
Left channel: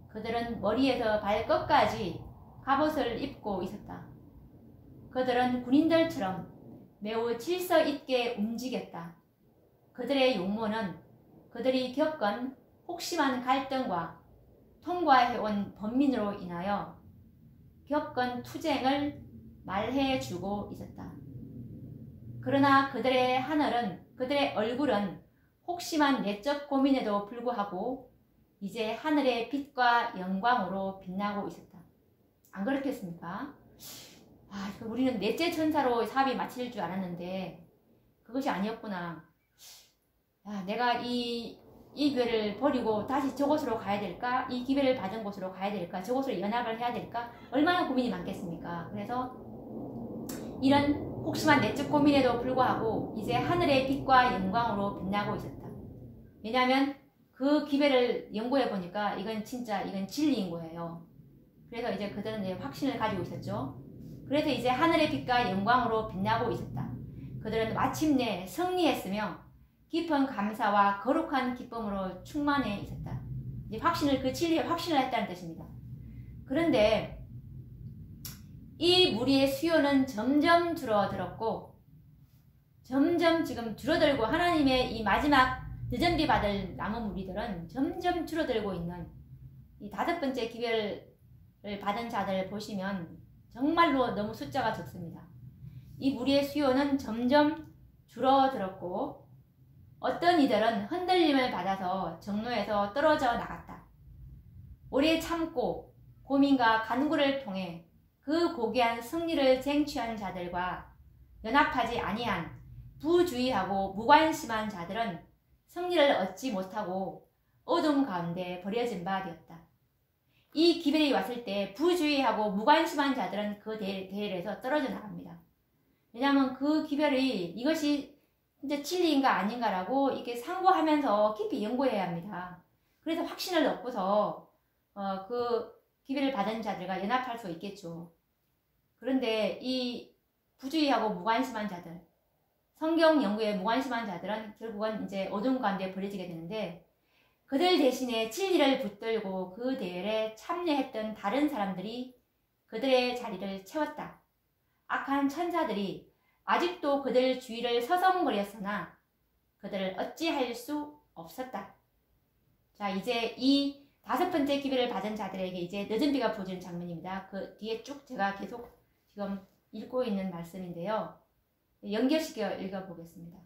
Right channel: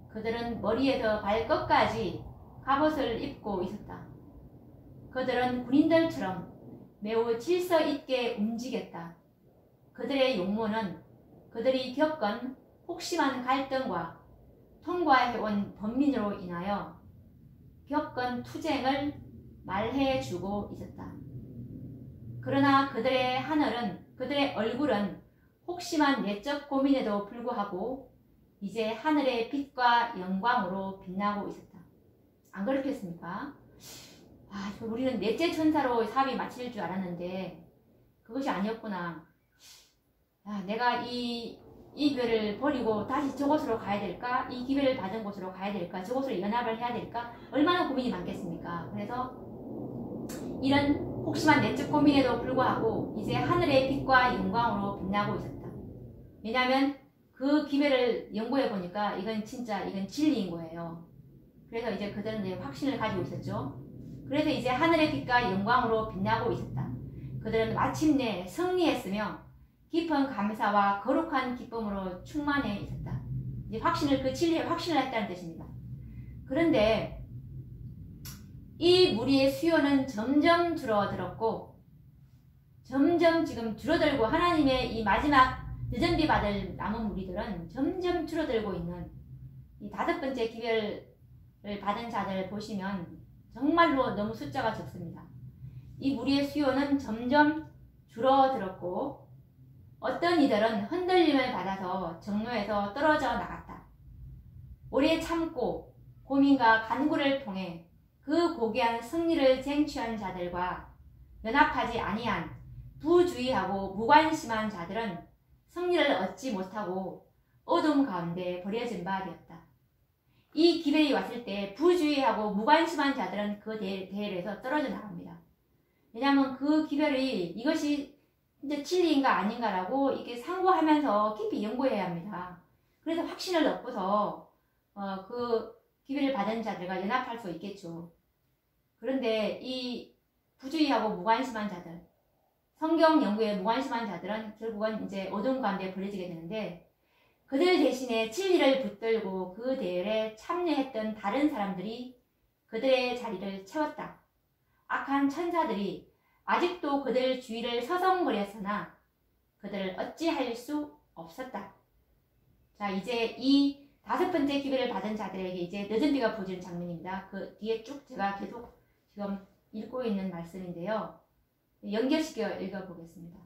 그들은 머리에서 발끝까지 갑옷을 입고 있었다. 그들은 군인들처럼 매우 질서 있게 움직였다. 그들의 용모는 그들이 겪은 혹심한 갈등과 통과해온 범민으로 인하여 겪은 투쟁을 말해주고 있었다. 그러나 그들의 하늘은, 그들의 얼굴은 혹심한 내적 고민에도 불구하고 이제 하늘의 빛과 영광으로 빛나고 있었다. 안 그렇겠습니까? 우리는 넷째 천사로 사업이 마칠 줄 알았는데 그것이 아니었구나. 내가 이 교회를 버리고 다시 저곳으로 가야 될까? 이 기회를 받은 곳으로 가야 될까? 저곳으로 연합을 해야 될까? 얼마나 고민이 많겠습니까? 그래서 이런 혹심한 내적 고민에도 불구하고 이제 하늘의 빛과 영광으로 빛나고 있었다. 왜냐하면 그 기회를 연구해 보니까 이건 진리인 거예요. 그래서 이제 그들은 이제 확신을 가지고 있었죠. 그래서 이제 하늘의 빛과 영광으로 빛나고 있었다. 그들은 마침내 승리했으며 깊은 감사와 거룩한 기쁨으로 충만해 있었다. 이제 그 진리에 확신을 했다는 뜻입니다. 그런데 이 무리의 수요는 점점 줄어들었고 점점 지금 줄어들고 하나님의 이 마지막 늦은비 받을 남은 무리들은 점점 줄어들고 있는 이 다섯 번째 기별을 받은 자들을 보시면 정말로 너무 숫자가 적습니다. 이 무리의 수요는 점점 줄어들었고 어떤 이들은 흔들림을 받아서 정로에서 떨어져 나갔다. 오래 참고 고민과 간구를 통해 그 고귀한 승리를 쟁취한 자들과 연합하지 아니한 부주의하고 무관심한 자들은 승리를 얻지 못하고 어둠 가운데 버려진 바 되었다. 이 기별이 왔을 때 부주의하고 무관심한 자들은 그 대열에서 떨어져 나갑니다. 왜냐하면 그 기별이 이것이 진짜 진리인가 아닌가라고 이렇게 상고하면서 깊이 연구해야 합니다. 그래서 확신을 얻고서 그 기별을 받은 자들과 연합할 수 있겠죠. 그런데 이 부주의하고 무관심한 자들, 성경 연구에 무관심한 자들은 결국은 이제 어둠 가운데 버려지게 되는데 그들 대신에 진리를 붙들고 그 대열에 참여했던 다른 사람들이 그들의 자리를 채웠다. 악한 천사들이 아직도 그들 주위를 서성거렸으나 그들을 어찌할 수 없었다. 자, 이제 이 다섯 번째 기별을 받은 자들에게 이제 늦은 비가 부어지는 장면입니다. 그 뒤에 쭉 제가 계속 지금 읽고 있는 말씀인데요. 연결시켜 읽어보겠습니다.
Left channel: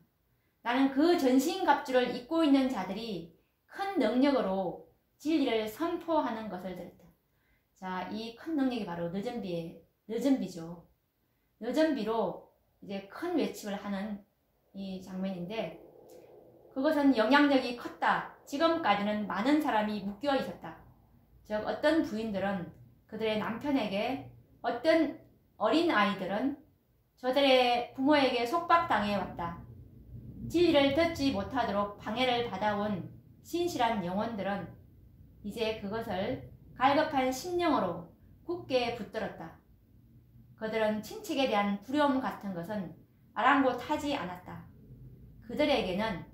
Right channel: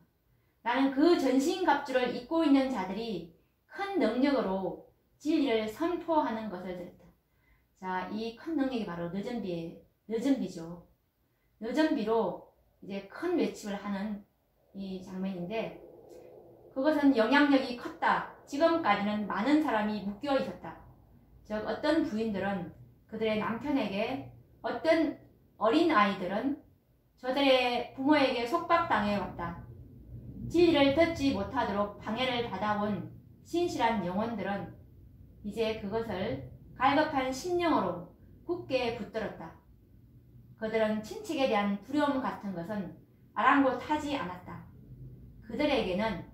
나는 그 전신갑주를 입고 있는 자들이 큰 능력으로 진리를 선포하는 것을 들었다. 자, 이 큰 능력이 바로 늦은 비죠. 늦은 비로 이제 큰 외침을 하는 이 장면인데 그것은 영향력이 컸다. 지금까지는 많은 사람이 묶여 있었다. 즉 어떤 부인들은 그들의 남편에게, 어떤 어린 아이들은 저들의 부모에게 속박당해 왔다. 진리를 듣지 못하도록 방해를 받아온 신실한 영혼들은 이제 그것을 갈급한 심령으로 굳게 붙들었다. 그들은 친책에 대한 두려움 같은 것은 아랑곳하지 않았다. 그들에게는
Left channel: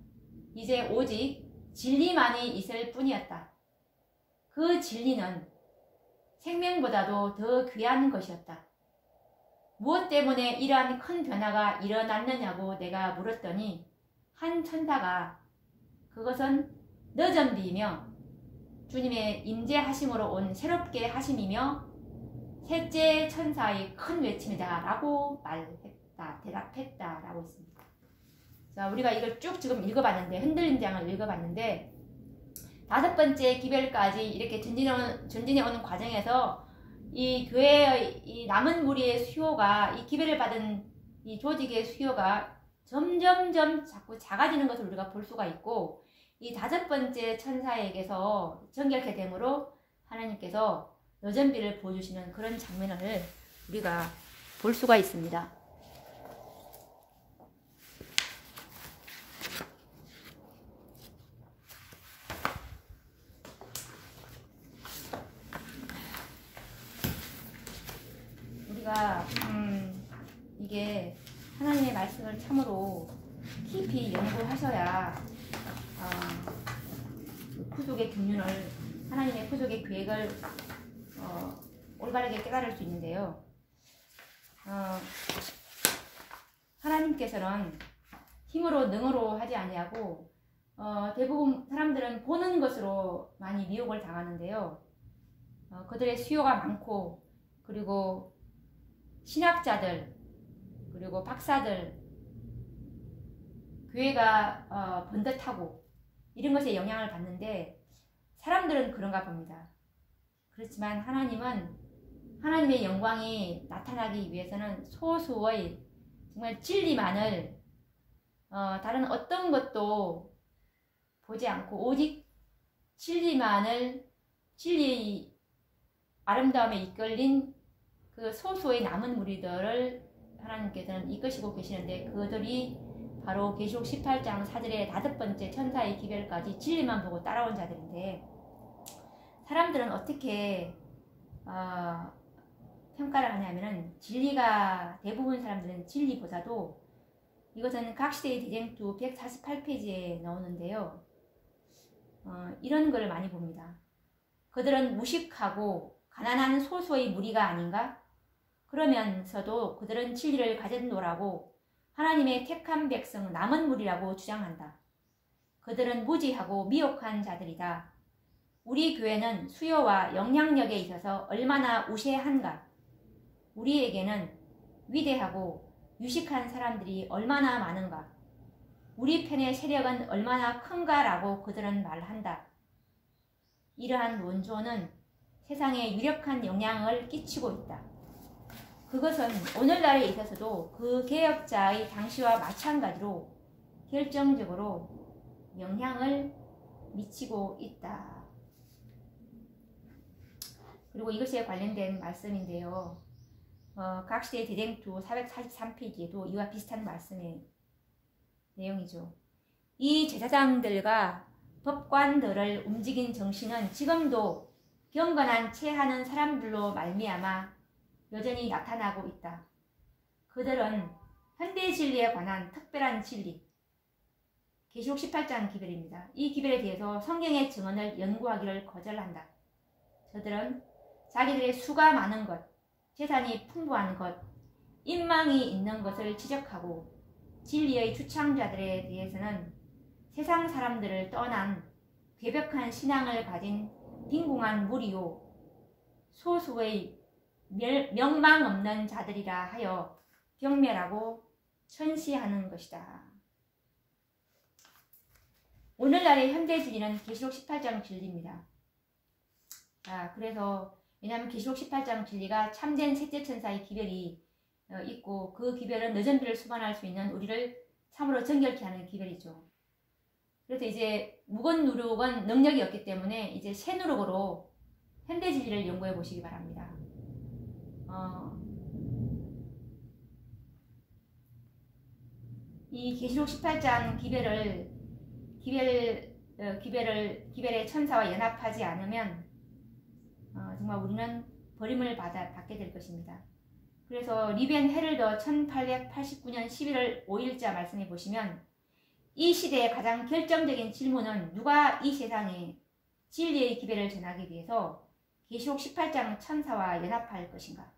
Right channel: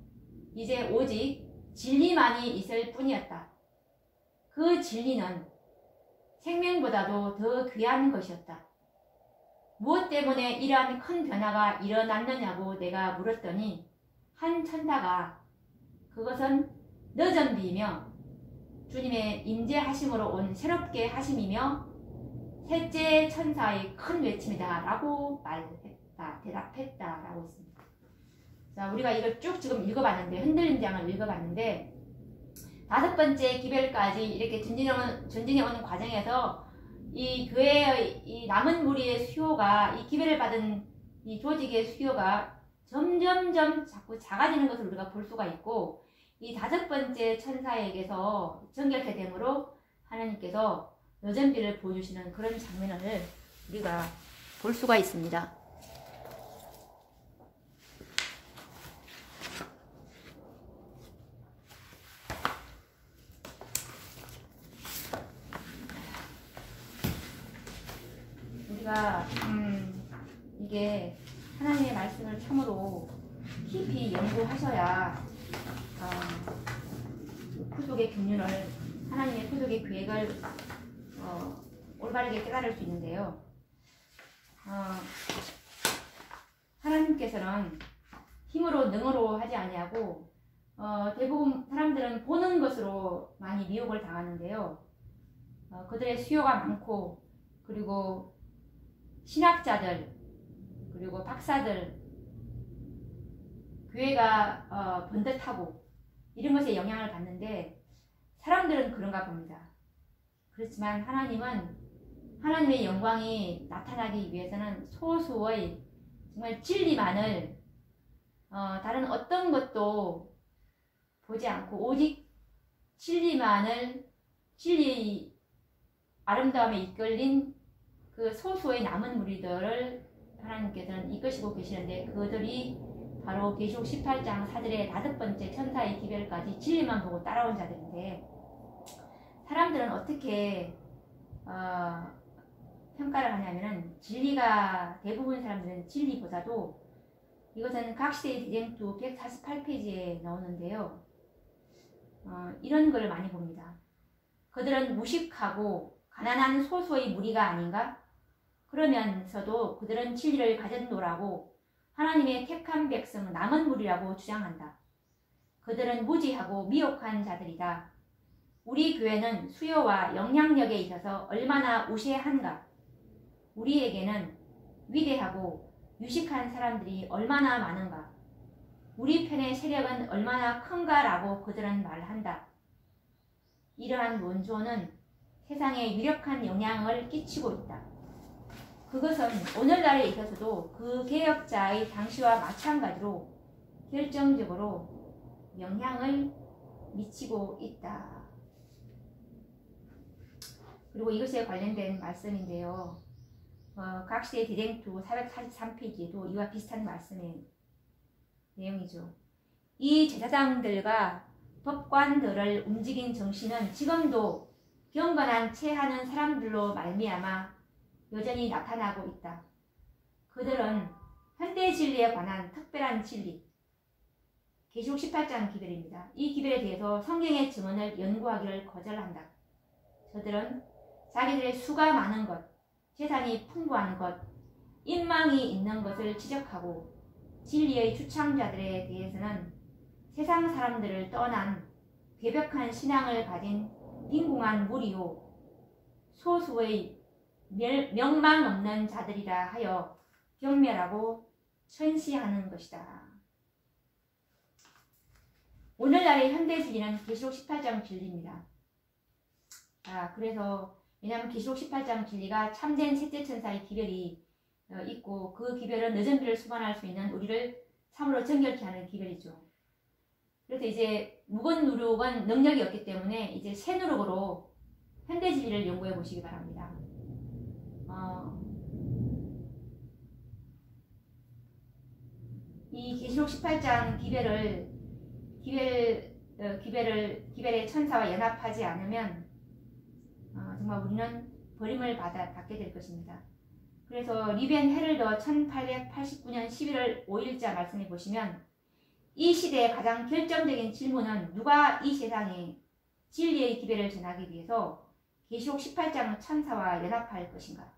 이제 오직 진리만이 있을 뿐이었다. 그 진리는 생명보다도 더 귀한 것이었다. 무엇 때문에 이러한 큰 변화가 일어났느냐고 내가 물었더니 한 천사가 그것은 너전비이며 주님의 임재하심으로 온 새롭게 하심이며 셋째 천사의 큰 외침이다 라고 말했다, 대답했다 라고 있습니다. 자, 우리가 이걸 쭉 지금 읽어봤는데, 흔들림 장을 읽어봤는데, 5번째 기별까지 이렇게 전진해 오는 과정에서 이 교회의 이 남은 무리의 수요가, 이 기별을 받은 이 조직의 수요가 점점점 자꾸 작아지는 것을 우리가 볼 수가 있고, 이 5번째 천사에게서 정결케 되므로 하나님께서 여전비를 보여주시는 그런 장면을 우리가 볼 수가 있습니다. 우리가 이게 하나님의 말씀을 참으로 깊이 연구하셔야 구속의 경륜을, 하나님의 구속의 계획을 올바르게 깨달을 수 있는데요. 하나님께서는 힘으로 능으로 하지 아니하고 대부분 사람들은 보는 것으로 많이 미혹을 당하는데요. 그들의 수요가 많고, 그리고 신학자들, 그리고 박사들, 교회가 번듯하고 이런 것에 영향을 받는데 사람들은 그런가 봅니다. 그렇지만 하나님은 하나님의 영광이 나타나기 위해서는 소수의 정말 진리만을 다른 어떤 것도 보지 않고 오직 진리만을, 진리의 아름다움에 이끌린 그 소수의 남은 무리들을 하나님께서는 이끄시고 계시는데, 그들이 바로 계시록 18장 4절의 5번째 천사의 기별까지 진리만 보고 따라온 자들인데, 사람들은 어떻게 평가를 하냐면은, 진리가, 대부분 사람들은 진리보다도, 이것은 각시대의 대쟁투 148페이지에 나오는데요. 이런 걸 많이 봅니다. 그들은 무식하고 가난한 소수의 무리가 아닌가? 그러면서도 그들은 진리를 가졌노라고 하나님의 택한 백성 남은 무리라고 주장한다. 그들은 무지하고 미혹한 자들이다. 우리 교회는 수요와 영향력에 있어서 얼마나 우세한가? 우리에게는 위대하고 유식한 사람들이 얼마나 많은가? 우리 편의 세력은 얼마나 큰가라고 그들은 말한다. 이러한 논조는 세상에 유력한 영향을 끼치고 있다. 그것은 오늘날에 있어서도 그 개혁자의 당시와 마찬가지로 결정적으로 영향을 미치고 있다. 그리고 이것에 관련된 말씀인데요. 각시의 대쟁투 443페이지에도 이와 비슷한 말씀의 내용이죠. 이 제사장들과 법관들을 움직인 정신은 지금도 경건한 채 하는 사람들로 말미암아 여전히 나타나고 있다. 그들은 현대 진리에 관한 특별한 진리, 계시록 18장 기별입니다. 이 기별에 대해서 성경의 증언을 연구하기를 거절한다. 저들은 자기들의 수가 많은 것, 재산이 풍부한 것, 인망이 있는 것을 지적하고, 진리의 주창자들에 대해서는 세상 사람들을 떠난 괴벽한 신앙을 가진 빈궁한 무리요, 소수의 명망 없는 자들이라 하여 경멸하고 천시하는 것이다. 오늘날의 현대 진리는 계시록 18장 진리입니다. 그래서 왜냐하면 계시록 18장 진리가 참된 셋째 천사의 기별이 있고, 그 기별은 여전비를 수반할 수 있는 우리를 참으로 정결케 하는 기별이죠. 그래서 이제 묵은 누룩은 능력이 없기 때문에 이제 새 누룩으로 현대 진리를 연구해 보시기 바랍니다. 이 계시록 18장 기별의 천사와 연합하지 않으면 정말 우리는 버림을 받게 될 것입니다. 그래서 리벤 헤럴더 1889년 11월 5일자 말씀해 보시면 이 시대의 가장 결정적인 질문은 누가 이 세상에 진리의 기별을 전하기 위해서 계시록 18장 천사와 연합할 것인가?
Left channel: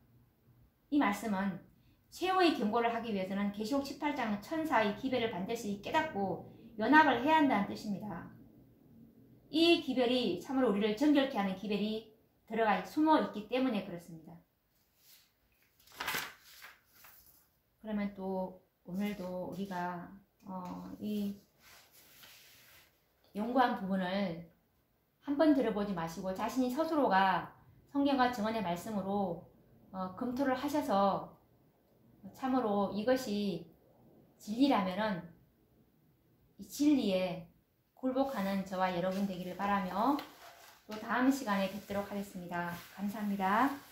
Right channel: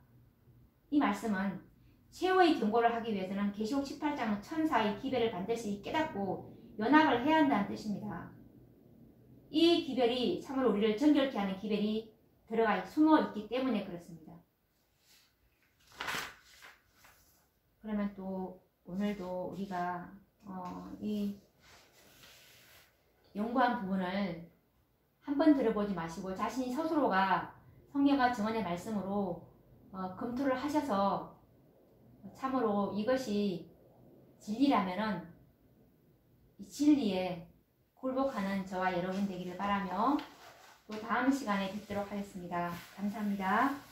이 말씀은 최후의 경고를 하기 위해서는 계시록 18장 천사의 기별을 반드시 깨닫고 연합을 해야 한다는 뜻입니다. 이 기별이 참으로 우리를 정결케 하는 기별이 들어가 숨어 있기 때문에 그렇습니다. 그러면 또 오늘도 우리가 이 연구한 부분을 한 번 들어보지 마시고 자신이 스스로가 성경과 증언의 말씀으로 검토를 하셔서 참으로 이것이 진리라면은 이 진리에 굴복하는 저와 여러분 되기를 바라며 또 다음 시간에 뵙도록 하겠습니다. 감사합니다.